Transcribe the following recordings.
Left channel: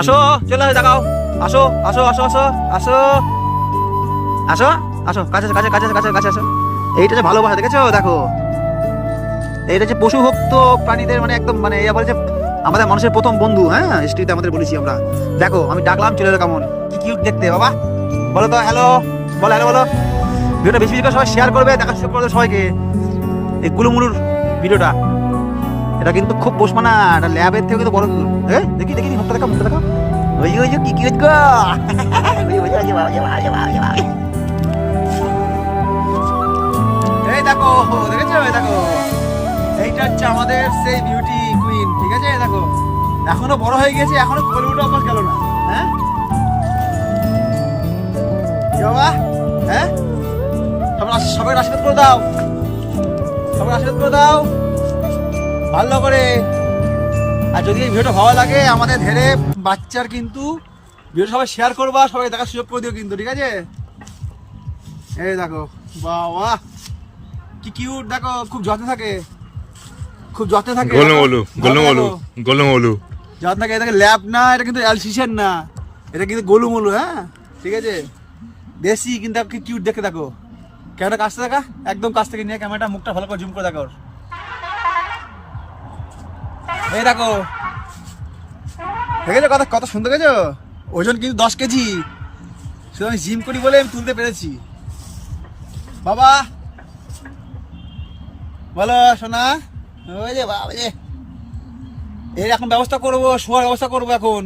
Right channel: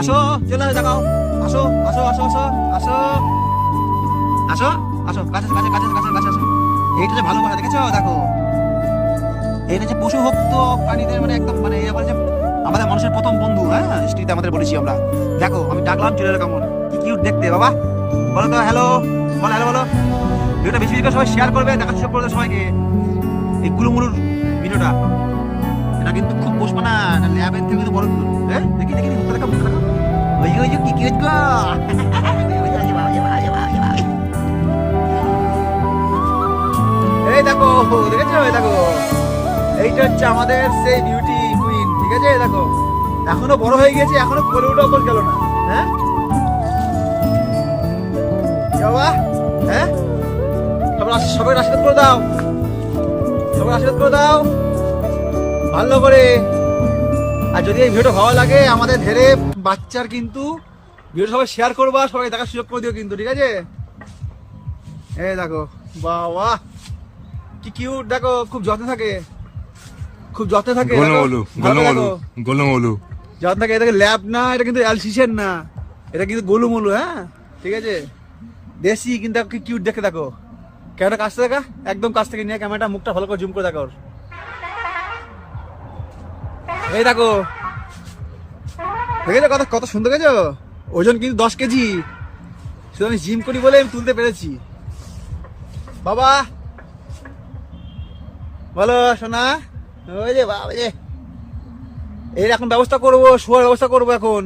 আসো, চলে দেখাও। আসো আসো আসো আসো আসো আসো আসো, কাছে কাছে কাছে কাছে কাছে আসো। এইটা যে ভালোবাসা, দেখেছো? দেখো, এইটা যে পশু ভক্ত প্রাণীদের মানে একদম মানে এই বলে যে আমাদের মানুষের প্রথম বন্ধু। হ্যাঁ, স্ট্রিটে আমাদের বলেছি আমরা। দেখো আমি ডাকলাম, চলে এলো। কেমন কি কিউট দেখতে বাবা, বলো তো হ্যালো, বলো হ্যালো বলো। ভিডিওটা বেশি বেশি করে সবাই শেয়ার করবে, দেখা সুযোগ করবে সবাইকে এই গুলুমুলুর ভিডিওটা। এটা কিন্তু খুব পোষ মানা, এটা ল্যাবের থেকে তো বড়। দেখি দেখি মুখটা দেখো, মুখটা দেখো। ওই ওই যে কি কিউট গো। এই দেখো, দেখেছো? এই দেখো, এইটা হচ্ছে আমাদের সেই বিউটি কুইন। ঠিক আছে, দেখো এখনো বড় হয়ে গেছে, এখনো বলে উঠে অকল গেল না। হ্যাঁ কি বাবা, হ্যাঁ সবাই আশীর্বাদ করে দাও, সবাই আশীর্বাদ করে দাও ভালো করে। আর যদি এই ভিডিওটা ভালো লাগে আমাদের ধেরে বাচ্চার কিন্তু ভিডিও সবাই শেয়ার করবা, সবাই দেখার সুযোগ করে দিও কিন্তু, ঠিক আছে? এই দেখো বাবা কি কিউট, দেখো খুব যত্নে থাকে, খুব যত্নে থাকে। যত্ন থাকে। এটাকে ল্যাব না, এটা কিন্তু অ্যালসিসেন না, এটা কিন্তু গোলুমলু। হ্যাঁ ঠিক আছে, দেশি কিন্তু কি কিউট দেখে। দেখো ক্যামেরা কাছ থেকে দেখা, একদম কাছ থেকে নিয়ে ক্যামেরাটা মুখটা ভালো করে জুম করে দেখো। এই দেখো, দেখেছো কত কত সুন্দর, দেখেছো? ওজন কিন্তু 10 কেজি। শুধু আমি জিম করি বলে আমি তুলতে পেরেছি। বাবা বলো সোনা। ওই যে বাবা যে এই এখন ব্যবস্থা করবো, শোয়ার ব্যবস্থা করবো এখন,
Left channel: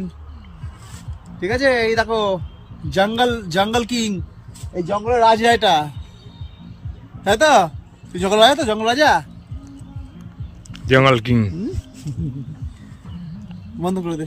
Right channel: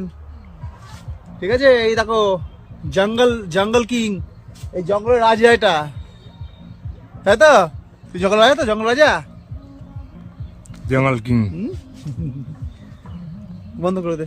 ঠিক আছে? এই দেখো জঙ্গল, জঙ্গল কিং, এই জঙ্গলের রাজা এটা, তাই তো? তুই জঙ্গল রাজা তো, জঙ্গল রাজা, জঙ্গল কিং। বন্ধ করে দে।